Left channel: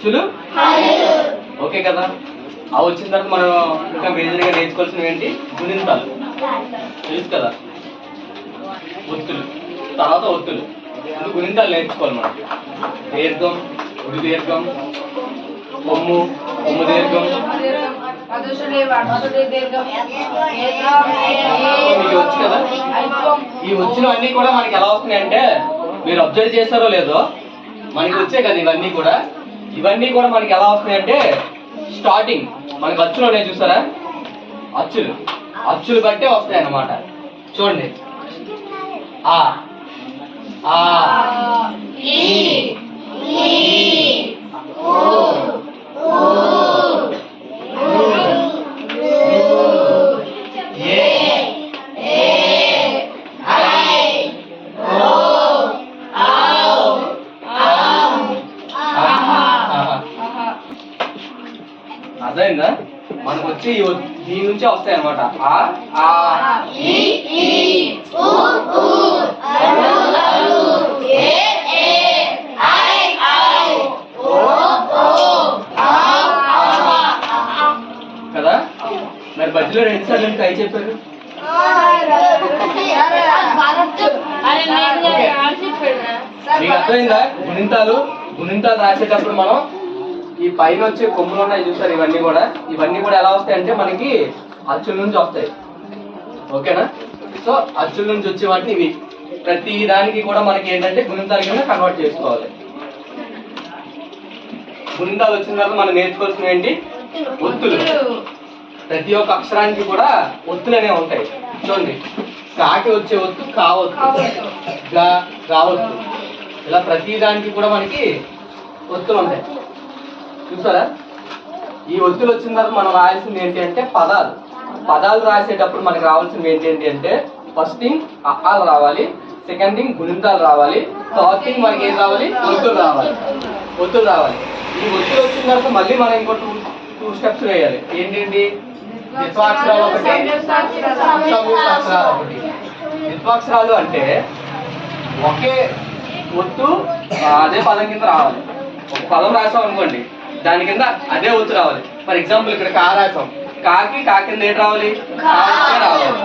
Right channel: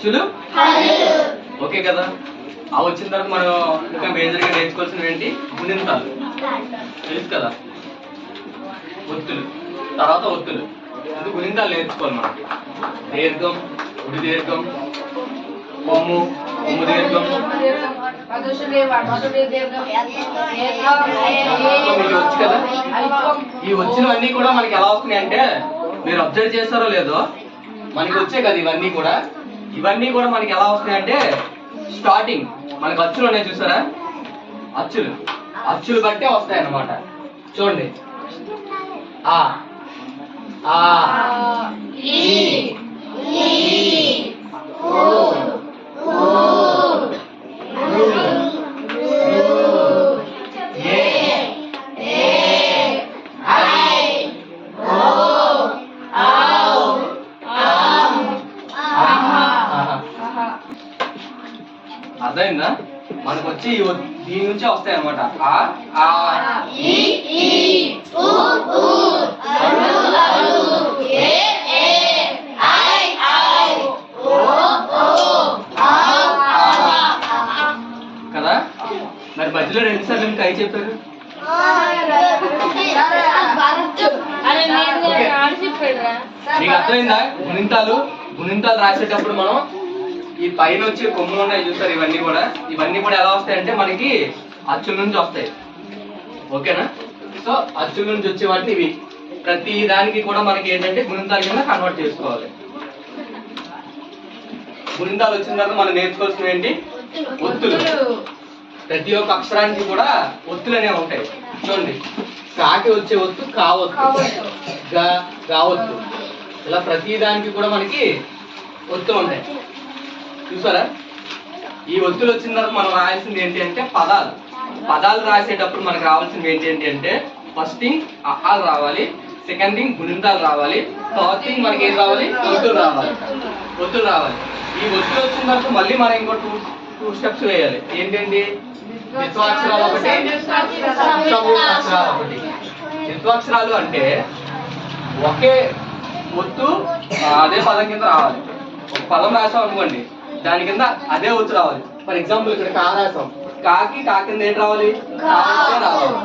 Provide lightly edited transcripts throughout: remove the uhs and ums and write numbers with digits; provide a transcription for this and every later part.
అచ్చులు ఓకే కదా. ఆ వచ్చిన తర్వాత మనం ఇంకా మేజర్గా నేర్చుకోవాల్సినవి ఏంటి? గుణింతాలు తెలుసు కదా. ఒత్తులు తర్వాత ఒత్తులు ముందు గుణింతాలు నేర్చుకోవాలి మనకి. దీర్ఘం, గుడి దీర్ఘం, కొమ్ము, కొమ్ము దీర్ఘం. మీకు వచ్చు కదా. ఈ వచ్చినవన్నీ కూడా మనకి ఎలా వస్తున్నాయి అంటే, మీరు అబ్జర్వ్ చేస్తారో లేదో, మనకి వచ్చాయి కదా ఇవన్నీ కూడా. ఇవన్నీ కూడా మనకి ఎలా వస్తున్నాయంటే, స్టార్టింగ్ మనకి అచ్చులు ఉన్నాయి చూసారా, అచ్చులు అచ్చులు బట్టే వస్తాయి అన్నమాట. చూడండి, ఆ ఆ ఈ ఓ అర్థమైందా? మనకు వచ్చి దీని నుంచే వస్తాయి అన్నమాట. కదా. మరి మధ్యలో 2 సార్లు కై చెప్పారు. మీకు అర్థమైందా? గుణింతాలు రాసేటప్పుడు మనం ఈ పైన వచ్చే కొమ్ములు ఉన్నాయి చూసారు, ఇవన్నీ కూడా ఎలా వస్తాయంటే మనకి అచ్చుల నుంచి వస్తాయి. ఓకేనా. సో అచ్చుల నుంచి వచ్చే వాటిని ఇవి ప్రతి దానికి కూడా మనకి ఏంటంటే గుణింతాల కింద కన్వర్ట్ చేసుకోవాలి. గుణింతాలు వచ్చిన తర్వాత మనం నేర్చుకోవాల్సిన ఏంటి? ఒత్తులు. ప్రతి ఒక్క అక్షరానికి కూడా ఒత్తులు అనేవి ఉంటాయి. చూడండి, కాకి వచ్చే ఒత్తు కావొత్తు, గావొత్తు, ఇలా ప్రతి దానికి కూడా మనకి ఒత్తులు ఉంటాయి చూసారా. ఈ ఒత్తులు వచ్చిన తర్వాత మనం రాయాల్సింది ఏంటి అంటే పదాలు రాసేటప్పుడు మనకు రావాల్సింది ఏంటి అంటే, ఫస్ట్ థింగ్ అఆలు రావాలి, సెకండ్ థింగ్ గుణింతాలు రావాలి, థర్డ్ థింగ్ మనకి ఏం రావాలి? ఒత్తులు రావాలి. ఈ ఒత్తులు వచ్చిన తర్వాత మళ్ళీ మనం ఇంకో టూ స్టెప్స్ వేయాలి. ఏంటండి? ద్విత్వాక్షరాలు ఒకటి, సంయుక్తాక్షరాలు ఒకటి. ద్విత్వాక్షరాలు అంటే ఒకే ఒత్తు అదే పదం కింద రావాలి. ఒక పదం రాసాం అనుకోండి, దాని కింద అదే ఒత్తు రావాలి. ఫర్ ఎగ్జాంపుల్ ఇక్కడ కా రాసాం, కాకి కా కింద ఏంటి రావాలి? కాకే రావాలి.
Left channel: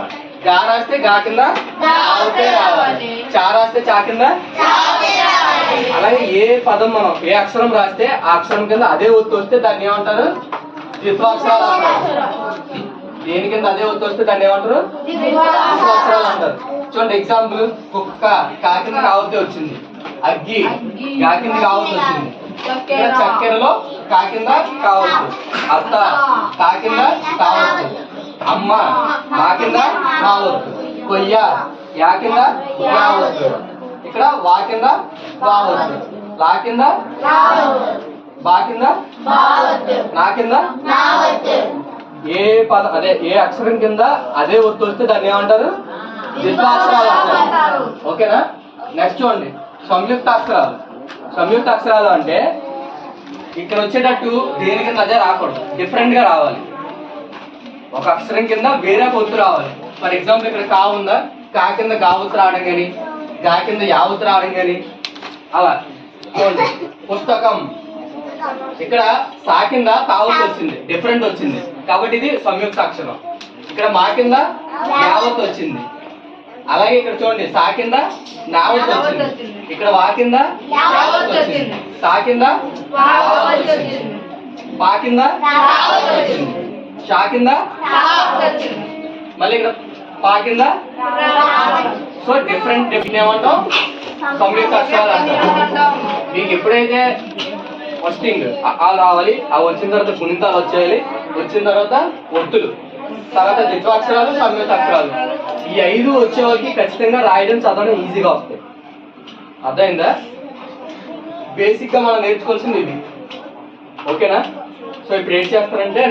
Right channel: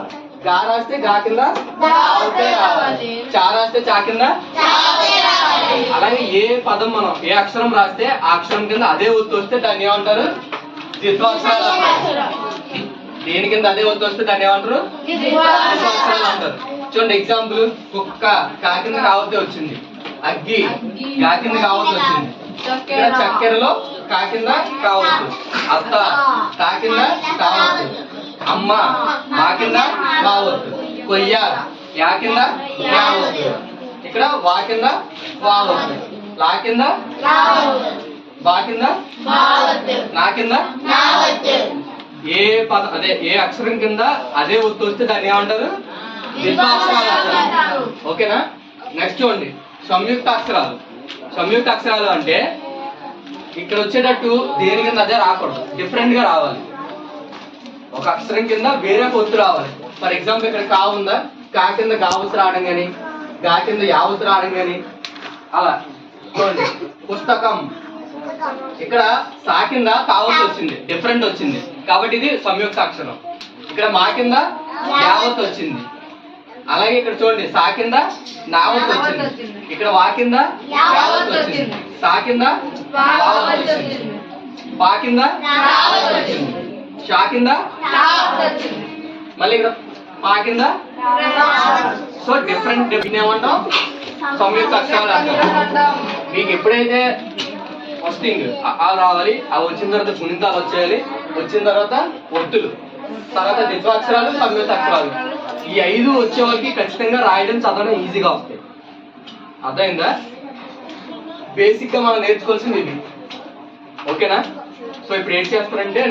గా రాస్తే గా కింద కాకే రావాలి. చా రాస్తే చా కింద. అలాగే ఏ పదం మనం ఏ అక్షరం రాస్తే ఆ అక్షరం కింద అదే ఒత్తు వస్తే దాన్ని ఏమంటారు? ద్విత్వాక్షరాలు అంటారు. దేని కింద అదే ఒత్తు వస్తే దాన్ని ఏమంటారు? ద్విత్వాక్షరాలు అంటారు. చూడండి, ఎగ్జాంపుల్, కుక్క కా కింద కావతే వచ్చింది, అగ్గి గా కింద కావద్దు వచ్చింది. ఇక్కడ చక్కెరలో కా కింద కావచ్చు, అత్త కా కింద కావచ్చు, అమ్మ మా కింద కావచ్చు, కొయ్య యా కింద కావచ్చు, ఇక్కడ వా కింద వావచ్చు, లా కింద బా కింద నా కింద. ఏ పదం అదే ఏ అక్షరం కింద అదే ఒత్తు వస్తే దాన్ని ఏమంటారు? ద్విత్వాక్షరాలు అంటారు. ఓకేనా. నెక్స్ట్ చూడండి, సంయుక్త అక్షరాలు అంటే ఇక్కడ వచ్చేటట్టు దేని కింద అదే రాకూడదు, డిఫరెంట్ గా రావాలి. ఒక అక్షరం కింద వేరే ఒత్తు రావాలి. ఫర్ ఎగ్జాంపుల్ ఇక్కడ కా ఉందా, కా కింద గావత్తు రావడం కానీ, గా కింద యావత్తు రావడం కానీ, అలా. చూడండి, పుస్తకం ఇక్కడ సా కింద కావత్తు వచ్చింది, డిఫరెంట్ వచ్చింది కాబట్టి ఇది సంయుక్త అక్షరం. ఇక్కడ మా కింద యావత్తు వచ్చింది. అలాగే ఇక్కడ చూడండి, సా కింద నావత్తు వచ్చింది, ఇక్కడ వా కింద యావత్తు వచ్చింది, సా కింద వావత్తు వచ్చింది, పా కింద వచ్చింది, షా కింద మళ్ళీ ఇక్కడ పా కింద. సో డిఫరెంట్ ఏమంటాం? సంయుక్త అక్షరాలు అంటారు. మీకు ఎప్పుడైతే ఫస్ట్ థింగ్ అఆలు రావాలి, అవి వచ్చిన తర్వాత గుణింతాలు వచ్చేయాలి, వచ్చిన తర్వాత ఒత్తులు, తర్వాత ద్విత్వాక్షరాలు, సంయుక్త అక్షరాలు. ఈ 5 వచ్చే వాళ్ళకి ఖచ్చితంగా రాయడం చదవడం ఈజీగా వస్తాయి. అర్థమైందా? బేసిక్ గా మనం నేర్చుకోవాల్సింది ఇది. ఓకేనా. సో ఇప్పుడు ఏం చేస్తారంటే